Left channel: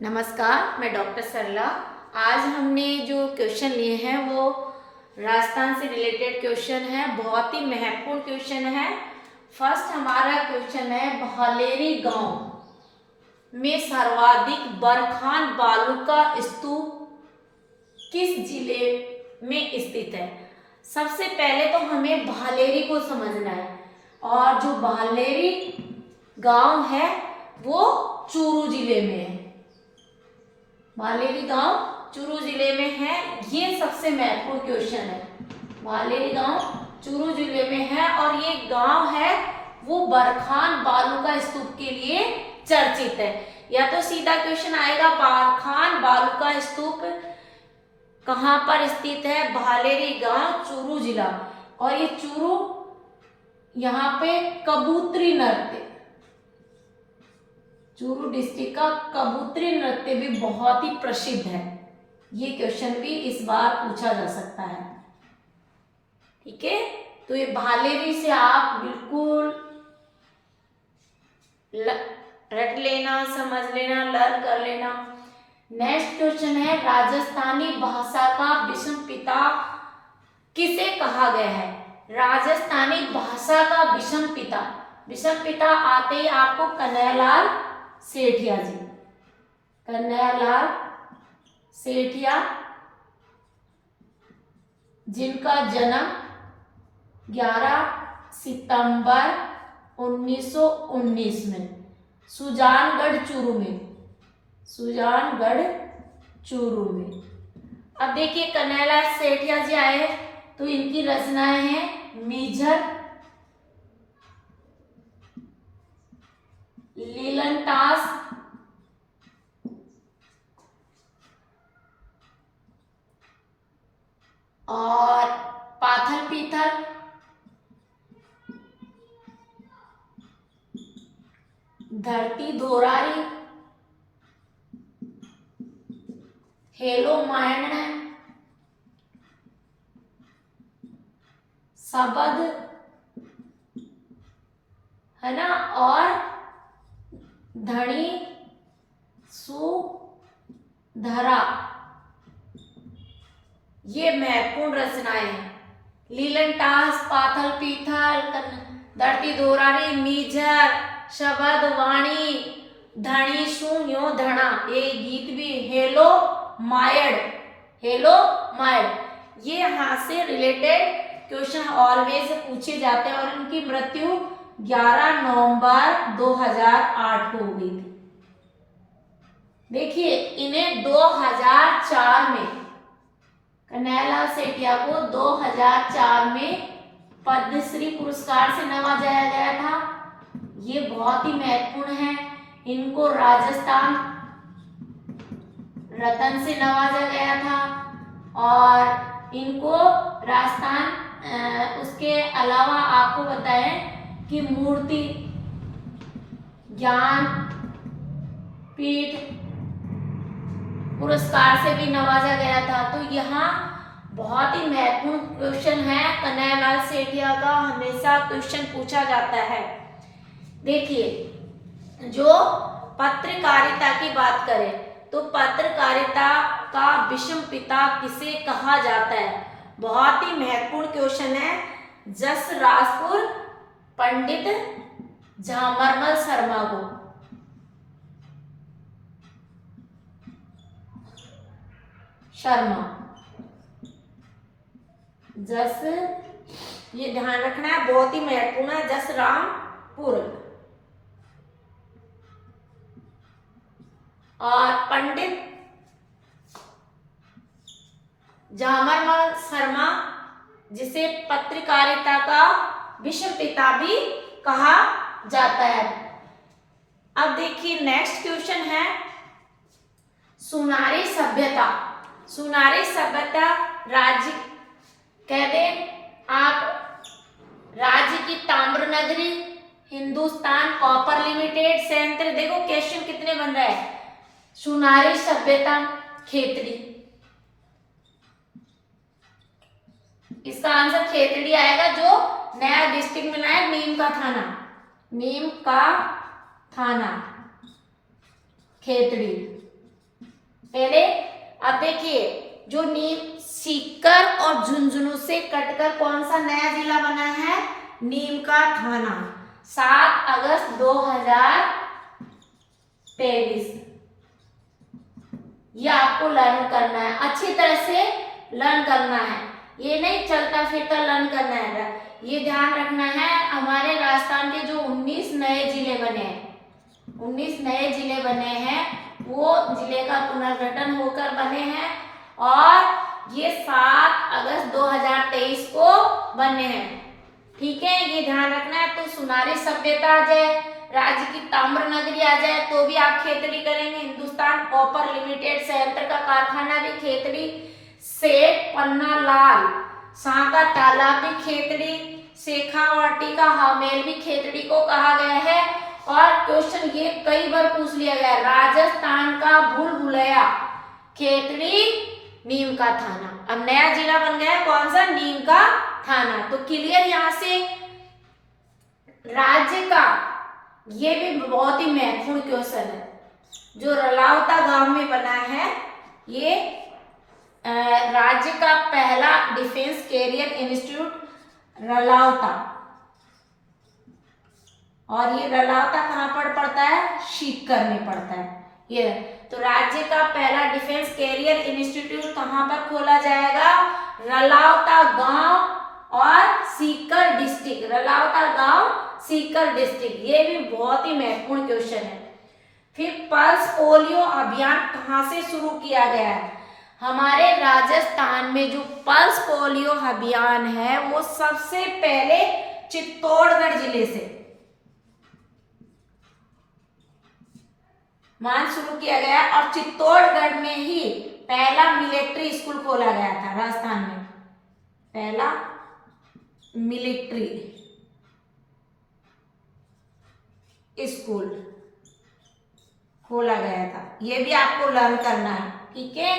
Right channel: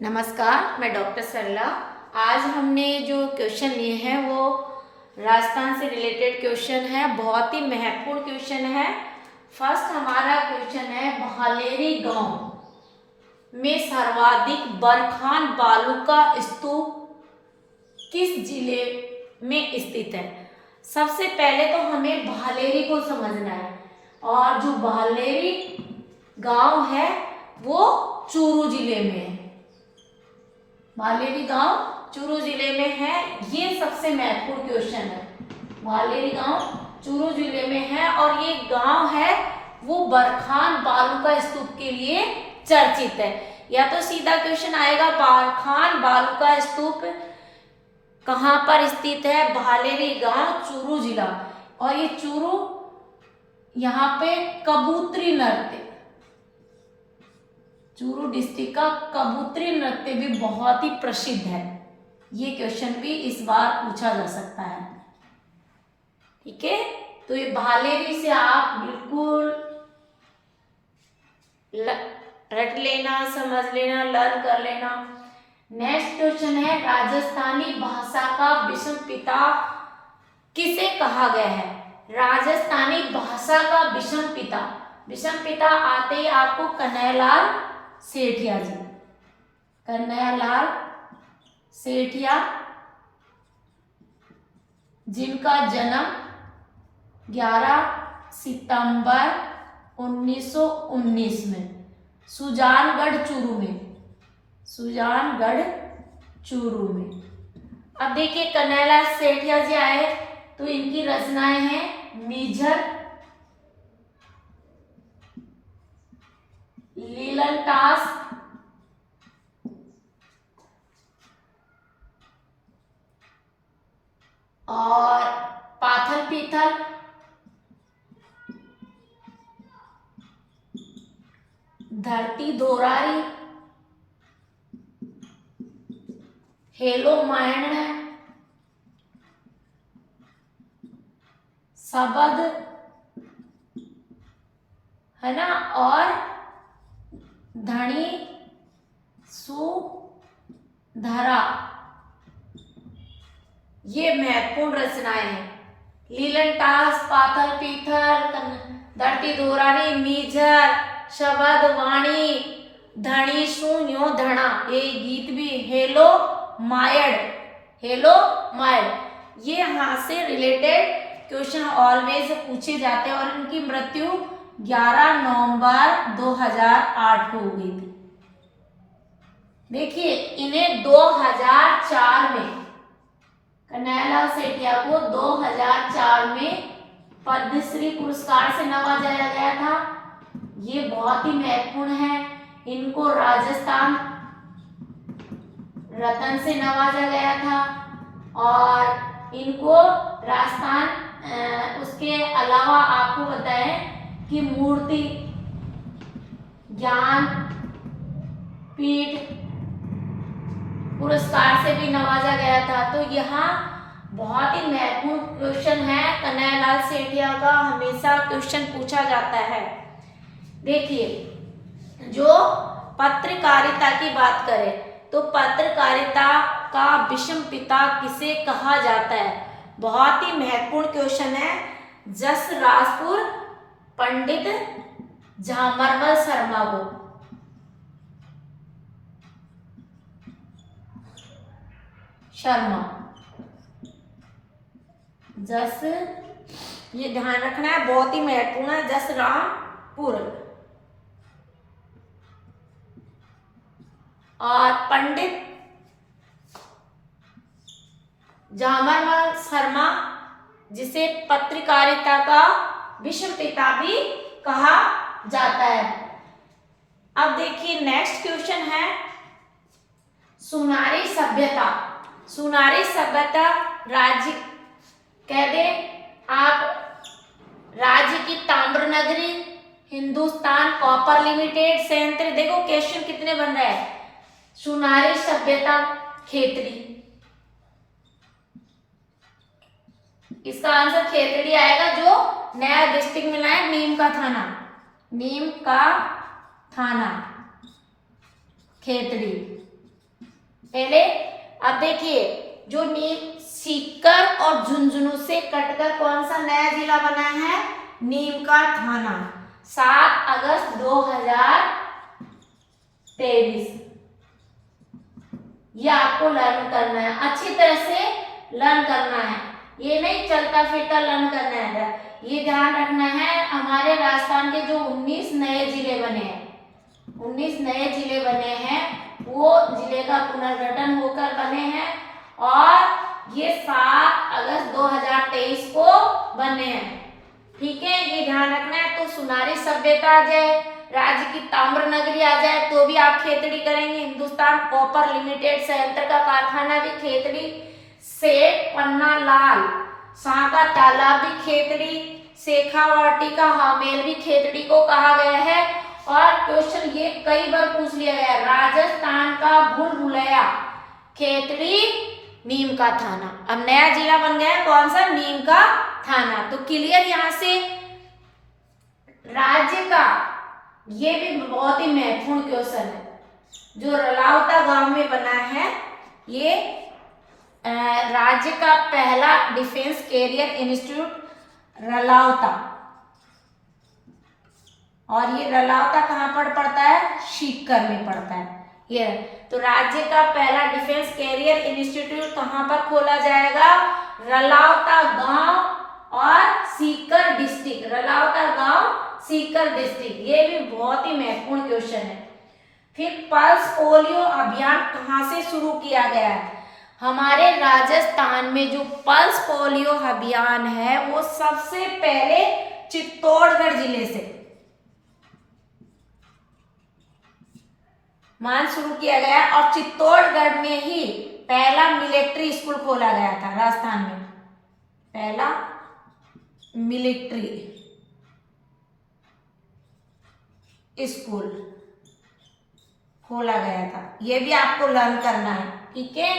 नमस्कार, मैं डॉक्टर सरला। आज हमने जो क्वेश्चन लिए हैं वो राजस्थान से रिलेटेड क्वेश्चन है, बहुत ही महत्वपूर्ण क्वेश्चन है। फर्स्ट हमारा क्वेश्चन है, भालेरी गांव में सर्वाधिक बरखान बालू का स्तूप किस जिले में स्थित है। सबसे पहले तो हमें भालेरी को समझना है, और जो भालेरी गांव है वो चूरू जिले में है। भालेरी गांव चूरू जिले में है, ये सबसे महत्वपूर्ण क्वेश्चन है। भालेरी गांव चूरू जिले में है और ये गांव है वो बरखान बालू का स्तूप के लिए चर्चित है। या तो सीधा क्वेश्चन आएगा, बरखान बालू का स्तूप कहां पर स्थित है? भालेरी गांव चूरू जिला। और ये चूरू यहाँ पे कबूतरी नृत्य, चूरू डिस्ट्रिक्ट का कबूतरी नृत्य भी बहुत ही प्रसिद्ध है। ये क्वेश्चन भी इस बार पूछा जा सकता है। ठीक है, तो ये भालेरी से आप बिल्कुल रट लेना, समझ लेना, लर्न कर लेना। नेक्स्ट क्वेश्चन है, राजस्थानी भाषा का विषम पिता किसे कहा गया है? राजस्थानी भाषा का विषम पिता आते ही आपको कन्हैयालाल सेठिया जी, कन्हैयालाल सेठिया, जिनका जन्म 11 सितंबर 1919 में सुजानगढ़ चूरू में। अब देखिए, कन्हैयालाल सेठिया जी आए तो इनकी रचनाएं हैं मीझर, लीलनटास, और पाथल पीथल, धरती धोरारी, हेलो मायण, सबद, है ना, और धनी सुधरा। ये महत्वपूर्ण रचनाएं हैं। लीलनटास, पाथल पीथल, धरती धोरारी, मीझर, शबद, वाणी, धनी सुन्यो धना, ये गीत भी, हेलो मायड़, ये यहाँ से रिलेटेड क्वेश्चन ऑलवेज पूछे जाते हैं। और इनकी मृत्यु 11 नवंबर 2008 को हुई थी। देखिए, इन्हें 2004 में, कन्हैयालाल सेठिया को 2004 में पद्मश्री पुरस्कार से नवाजा गया था। ये बहुत ही महत्वपूर्ण है। इनको राजस्थान रत्न से नवाजा गया था, और इनको राजस्थान उसके अलावा आपको बताएं कि मूर्ति ज्ञान पीठ पुरस्कार से भी नवाजा गया था। तो यहाँ बहुत ही महत्वपूर्ण क्वेश्चन है। कन्हैयालाल सेठिया का हमेशा क्वेश्चन पूछा जाता है। देखिए, जो पत्रकारिता की बात करें तो पत्रकारिता का विषम पिता किसे कहा जाता है? बहुत ही महत्वपूर्ण क्वेश्चन है। जस राजपुर पंडित झामरमल शर्मा को। जस, ये ध्यान रखना है, बहुत ही महत्वपूर्ण है। जस रामपुर और पंडित झामरमल शर्मा, जिसे पत्रकारिता का विषम पिता भी कहा जाता है। अब देखिए, नेक्स्ट क्वेश्चन है, सुनारी सभ्यता राज्य कह दे आप, राज्य की ताम्र नगरी, हिंदुस्तान कॉपर लिमिटेड, संयंत्र। देखो क्वेश्चन कितने बन रहा है। सुनारी सभ्यता खेतड़ी, इसका आंसर खेतड़ी आएगा, जो नया डिस्ट्रिक्ट मिला है, नीम का थाना खेतड़ी। पहले अब देखिए, जो नीम सीकर और झुंझुनू से कटकर कौन सा नया जिला बना है? नीम का थाना, 7 अगस्त 2023। ये आपको लर्न करना है, अच्छी तरह से लर्न करना है, ये नहीं चलता फिरता लर्न करना है। ये ध्यान रखना है, हमारे राजस्थान के जो 19 नए जिले बने हैं, 19 नए जिले बने हैं, वो जिले का पुनर्गठन होकर बने हैं और ये 7 अगस्त 2023 को बने हैं। ठीक है, ये ध्यान रखना है। तो सुनारी सभ्यता आ जाए, राज्य की ताम्र नगरी आ जाए तो भी आप खेतड़ी करेंगे। हिंदुस्तान कॉपर लिमिटेड संयंत्र का कारखाना भी खेतड़ी, सेठ पन्ना लाल शाह का तालाब भी खेतड़ी, शेखावाटी का हमेल भी खेतड़ी को कहा गया है। और क्वेश्चन ये कई बार पूछ लिया गया, राजस्थान का भूल भुलैया खेतड़ी, नीम का थाना। अब नया जिला बन गया है, कौन सा? नीम का थाना। तो क्लियर यहाँ से राज्य का, ये भी बहुत ही महत्वपूर्ण क्वेश्चन है, जो रलावता गांव में बना है, ये राज्य का पहला डिफेंस कैरियर इंस्टीट्यूट रलावता, और ये रलावता कहाँ पर पड़ता है? सीकर में पड़ता है। ये तो राज्य का पहला डिफेंस कैरियर इंस्टीट्यूट कहाँ पर खोला जाएगा? रलावता गांव और सीकर डिस्ट्रिक्ट, रलावता गांव सीकर डिस्ट्रिक्ट। ये भी बहुत ही महत्वपूर्ण क्वेश्चन है। फिर पल्स पोलियो अभियान कहाँ से शुरू किया गया है? हमारे राजस्थान में जो पल्स पोलियो अभियान है वो सबसे पहले चित्तौड़गढ़ जिले से मान शुरू किया गया और चित्तौड़गढ़ में ही पहला मिलिट्री स्कूल खोला गया था। राजस्थान में पहला मिलिट्री स्कूल खोला गया था, ये भी आपको लर्न करना है। ठीक है,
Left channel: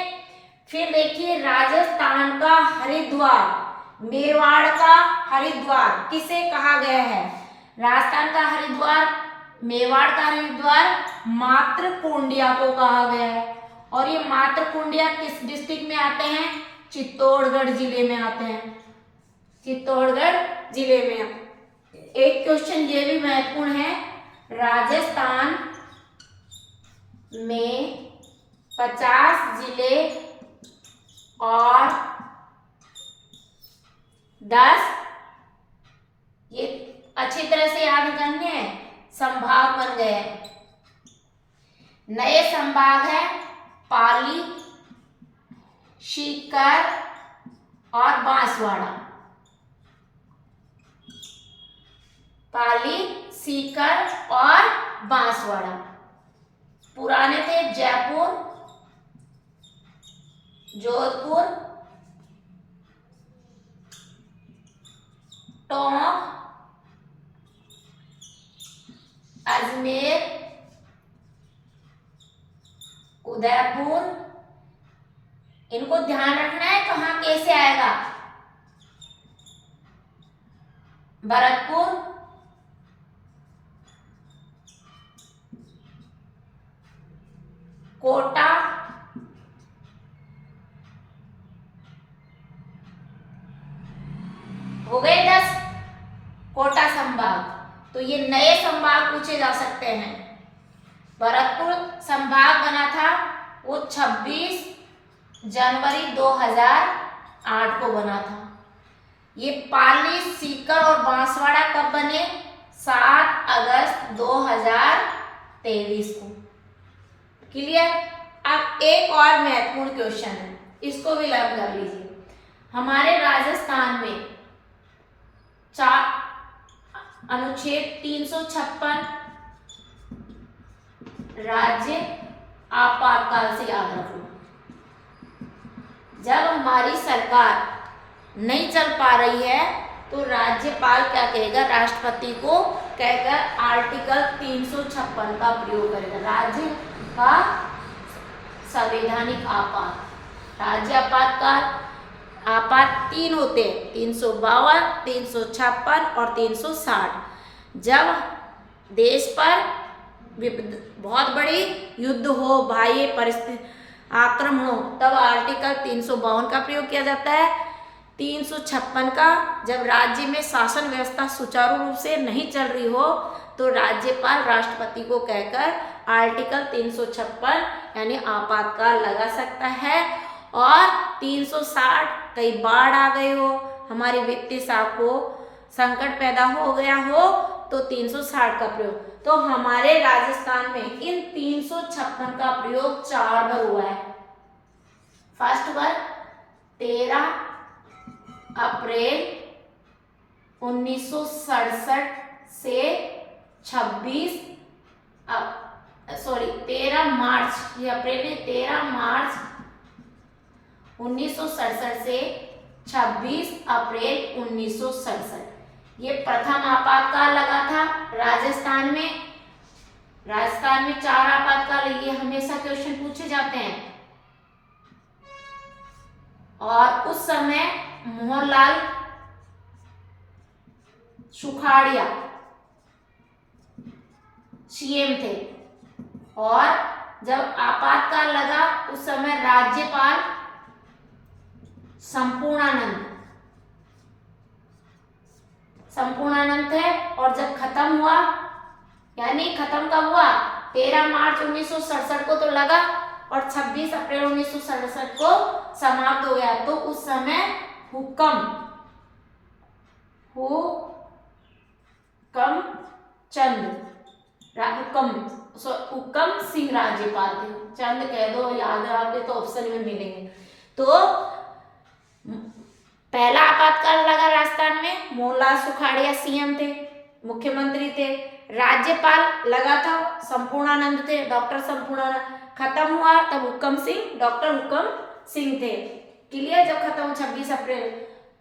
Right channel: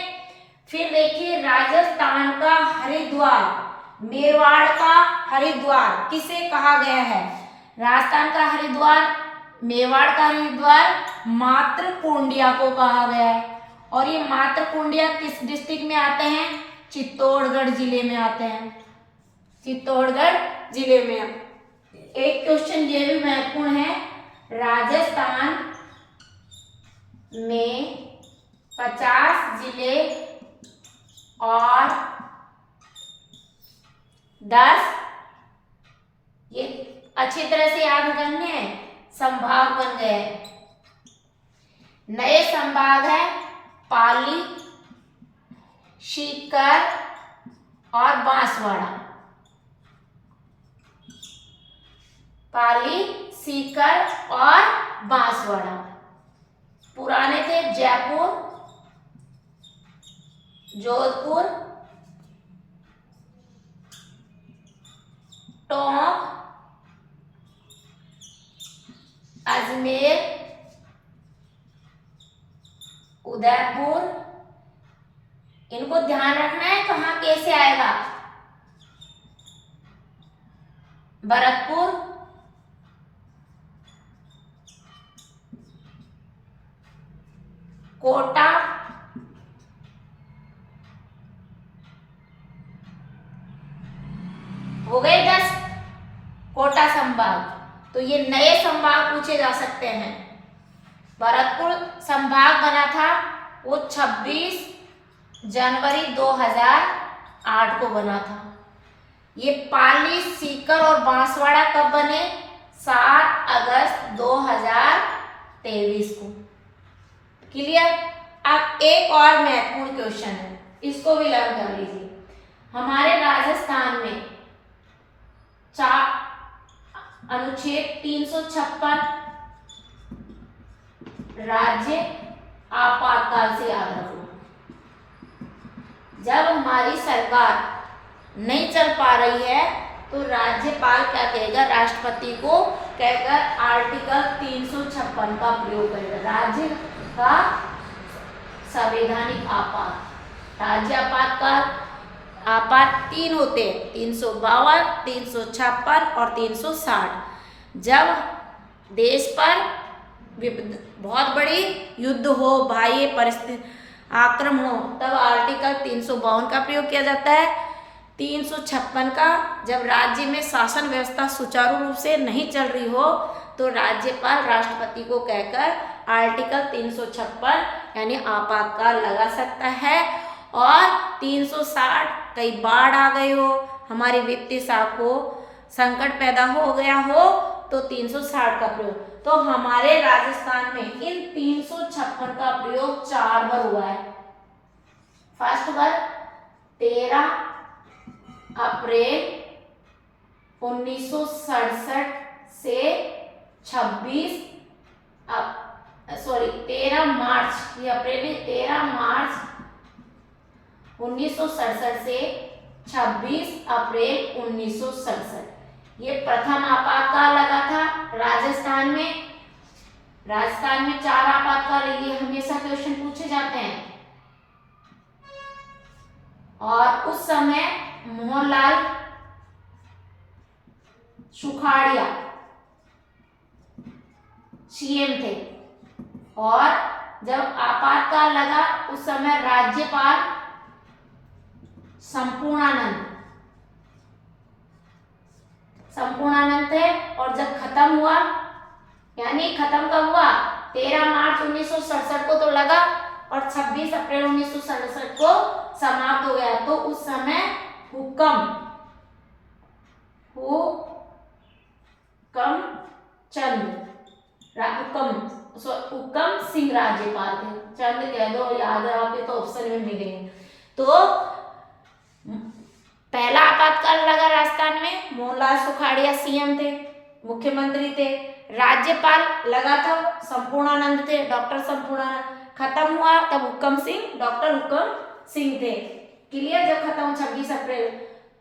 फिर देखिए राजस्थान का हरिद्वार, मेवाड़ का हरिद्वार किसे कहा गया है? राजस्थान का हरिद्वार, मेवाड़ का हरिद्वार मातृकुंडिया को कहा गया है। और ये मातृकुंडिया किस डिस्ट्रिक्ट में आते हैं? चित्तौड़गढ़ जिले में आते हैं, चित्तौड़गढ़ जिले में। एक क्वेश्चन ये भी महत्वपूर्ण है, राजस्थान में 50 जिले और 10, ये अच्छी तरह से याद करने हैं, संभाग बन गए। नए संभाग है पाली, सीकर और बांसवाड़ा। पाली, सीकर और बांसवाड़ा। पुराने थे जयपुर, जोधपुर, टोंक, अजमेर, उदयपुर। इनको ध्यान रखना है कहाँ कैसे आएगा। भरतपुर, कोटा, हो गए 10 कोटा संभाग। तो ये नए संभाग पूछे जा सकते हैं। भरतपुर संभाग बना था वो 26 जनवरी 2008 को बना था। ये पाली, सीकर और बांसवाड़ा कब बने? 7 अगस्त 2023 को। क्लियर? अब एक और महत्वपूर्ण क्वेश्चन है, इसको भी लर्न कर लीजिए। हमारे राजस्थान में अनुच्छेद 356 राज्य आपातकाल से याद रखो। जब हमारी सरकार नहीं चल पा रही है तो राज्यपाल क्या कहेगा? राष्ट्रपति को कहकर आर्टिकल 356 का प्रयोग करेगा। राज्य का संवैधानिक आपात, राज्य आपातकाल, आपात 3 होते हैं, 352, 356 और 360। जब देश पर बहुत बड़ी युद्ध हो, बाह्य परिस्थिति, आक्रमण हो तब आर्टिकल 352 का प्रयोग किया जाता है। 356 का, जब राज्य में शासन व्यवस्था सुचारू रूप से नहीं चल रही हो तो राज्यपाल राष्ट्रपति को कहकर आर्टिकल 356 यानी आपातकाल लगा सकता है। और 360 कई बाढ़ आ गई हो, हमारी वित्तीय साख हो, संकट पैदा हो गया हो तो 360 का प्रयोग। तो हमारे राजस्थान में इन 356 का प्रयोग 4 बार हुआ है। फर्स्ट बार 13 अप्रैल 1967 से 13 मार्च, ये अप्रैल में 13 मार्च 1967 से 26 अप्रैल 1967 ये प्रथम आपातकाल लगा था राजस्थान में। राजस्थान में 4 आपातकाल, ये हमेशा क्वेश्चन पूछे जाते हैं। और उस समय मोहनलाल सुखाड़िया सीएम थे। और जब आपातकाल लगा उस समय राज्यपाल संपूर्णानंद थे। और जब खत्म हुआ, यानी खत्म कब हुआ, 13 मार्च 1967 को तो लगा और 26 अप्रैल 1967 को समाप्त हो गया। तो उस समय हुक्म सिंह राज्यपाल थे। चंद कह दो, याद है आपके तो ऑप्शन में मिलेंगे। तो पहला आपातकाल लगा राजस्थान में, मोहनलाल सुखाड़िया सीएम थे, मुख्यमंत्री थे। राज्यपाल लगा था संपूर्णानंद थे, डॉक्टर संपूर्णानंद। खत्म हुआ तब डॉक्टर हुक्म सिंह थे। क्लियर? जब खत्म 26 अप्रैल।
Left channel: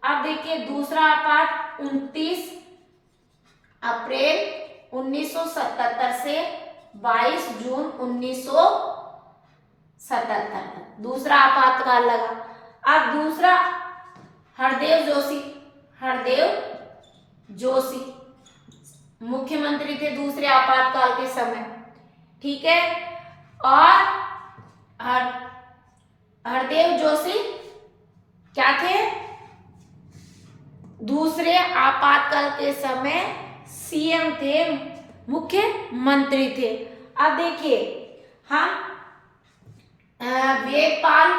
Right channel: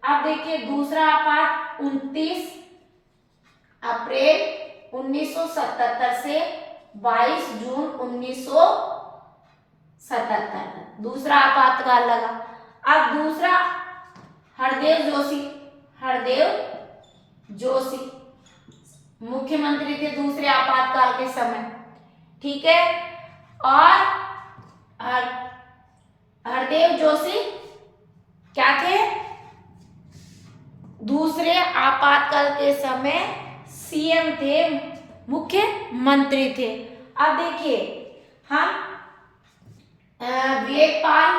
अब देखिए दूसरा आपात 29 अप्रैल 1977 से 22 जून 1977 दूसरा आपातकाल लगा। अब दूसरा हरदेव जोशी मुख्यमंत्री थे दूसरे आपातकाल के समय। ठीक है? और हरदेव जोशी क्या थे? दूसरे आपातकाल के समय सीएम थे, मुख्यमंत्री थे। अब देखिए हम वेदपाल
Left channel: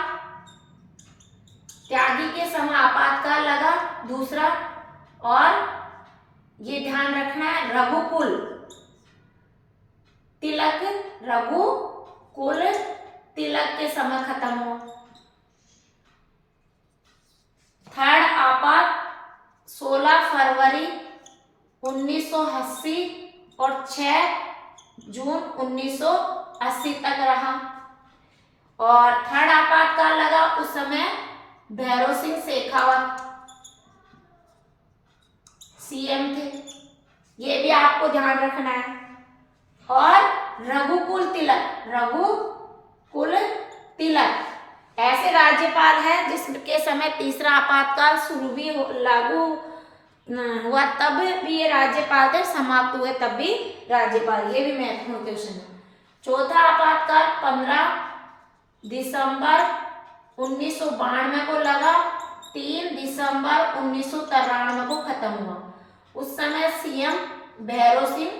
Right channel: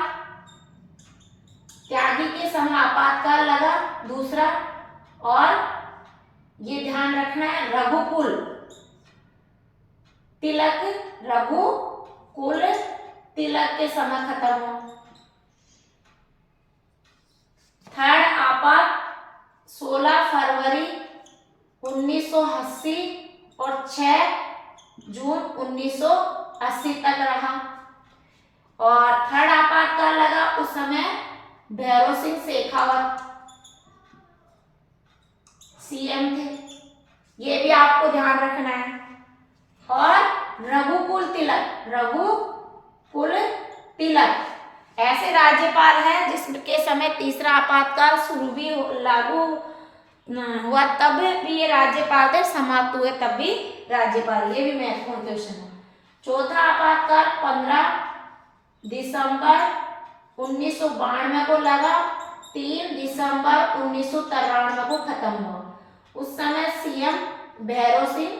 त्यागी के समय आपातकाल लगा दूसरा। और ये ध्यान रखना है, रघुकुल तिलक के समय खत्म हो। थर्ड आपात 16 फरवरी 1980 और 6 जून 1980 तक रहा। और थर्ड आपातकाल लगा उस समय भैरव सिंह शेखावत सीएम थे। ये भी आपको ध्यान रखना है। और रघुकुल तिलक ऐसे राज्यपाल हैं जिसके समय तीसरा आपातकाल शुरू भी लागू हुआ, तब भी ये राज्यपाल थे, समाप्त हुए तब भी राज्यपाल। ये भी महत्वपूर्ण क्वेश्चन है। चौथा आपातकाल 15 दिसंबर 1992 को लगा, 3 दिसंबर 1993 को खत्म हुआ। उस समय सीएम भैरव सिंह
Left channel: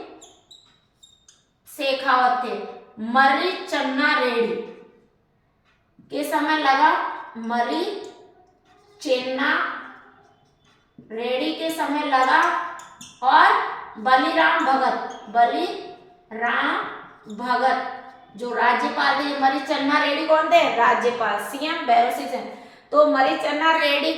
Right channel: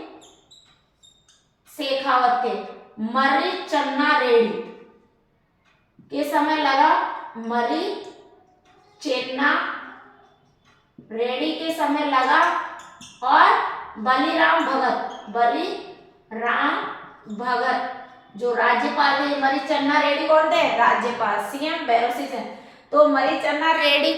शेखावत थे। मर्री चन्ना रेड्डी के समय लगा, मर्री चेन्ना रेड्डी के समय लगा। और बलिराम भगत जो राज्यपाल थे, मर्री चन्ना रेड्डी कौन थे? राज्यपाल। सीएम भैरव सिंह। तो मर्री चन्ना रेड्डी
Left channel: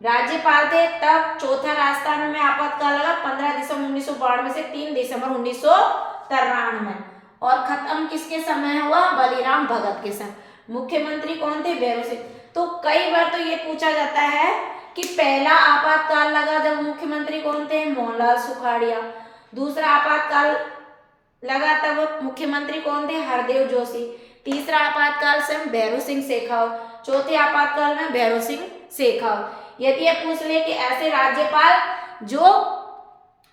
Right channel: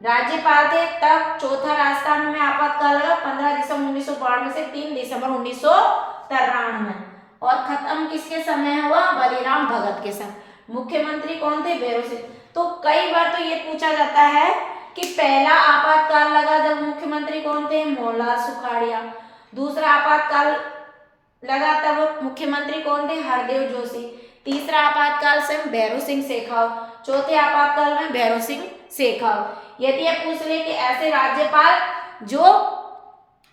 राज्यपाल थे। तब चौथा राजस्थान में आपातकाल लगा 15 दिसंबर 1992 से 3 दिसंबर 1993। और खत्म किसके समय हुआ? बलिराम भगत के समय। मुख्यमंत्री कौन थे? भैरव सिंह। तो कई बार तो ये पूछा जाता है कि पहला आपातकाल लगा जब मुख्यमंत्री कौन थे? मोहनलाल सुखाड़िया। दूसरा आपातकाल लगा तब मुख्यमंत्री कौन थे? हरदेव जोशी। तीसरा आपातकाल से भैरव सिंह शेखावत। चौथे आपातकाल में भैरव सिंह शेखावत। यदि ये पूछ ले कि ऐसे राज्यपाल जो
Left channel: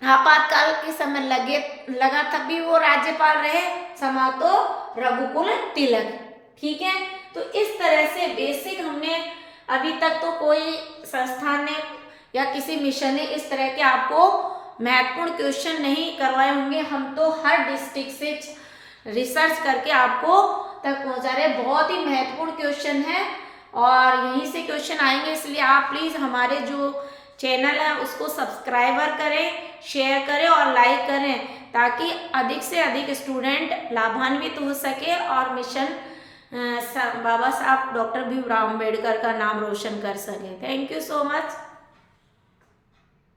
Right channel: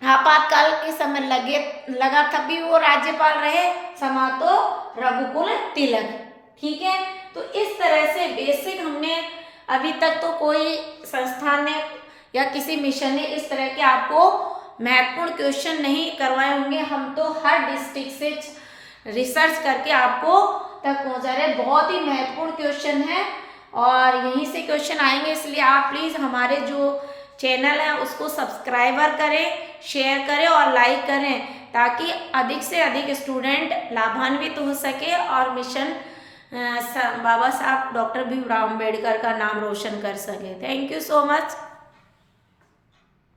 आपातकाल के समय लगा तब भी वो राज्यपाल रहे, समा तो रघुकुल तिलक। ठीक है। तो इस तरह से बेसिक हमने अभी तक तो कोई संस्थान ने या किसी मिशन ने इस तरह के आपको महत्वपूर्ण क्वेश्चन नहीं करवाए होंगे। हम तो हर डिस्ट्रिक्ट से रिसर्च करके आपको तक पहुंचा रहे। बहुत ही महत्वपूर्ण क्वेश्चन है और यहीं से क्वेश्चन आएंगे, इसलिए आप प्लीज़ हमारे जो चैनल है उसको सब्सक्राइबर करें, शेयर करें और लाइक करें, ताकि अधिक से अधिक स्टूडेंट लाभान्वित हो सके और मिशन बाबा साहब डॉक्टर भीमराव अम्बेडकर का नाम रोशन कर सके। Thank you so much.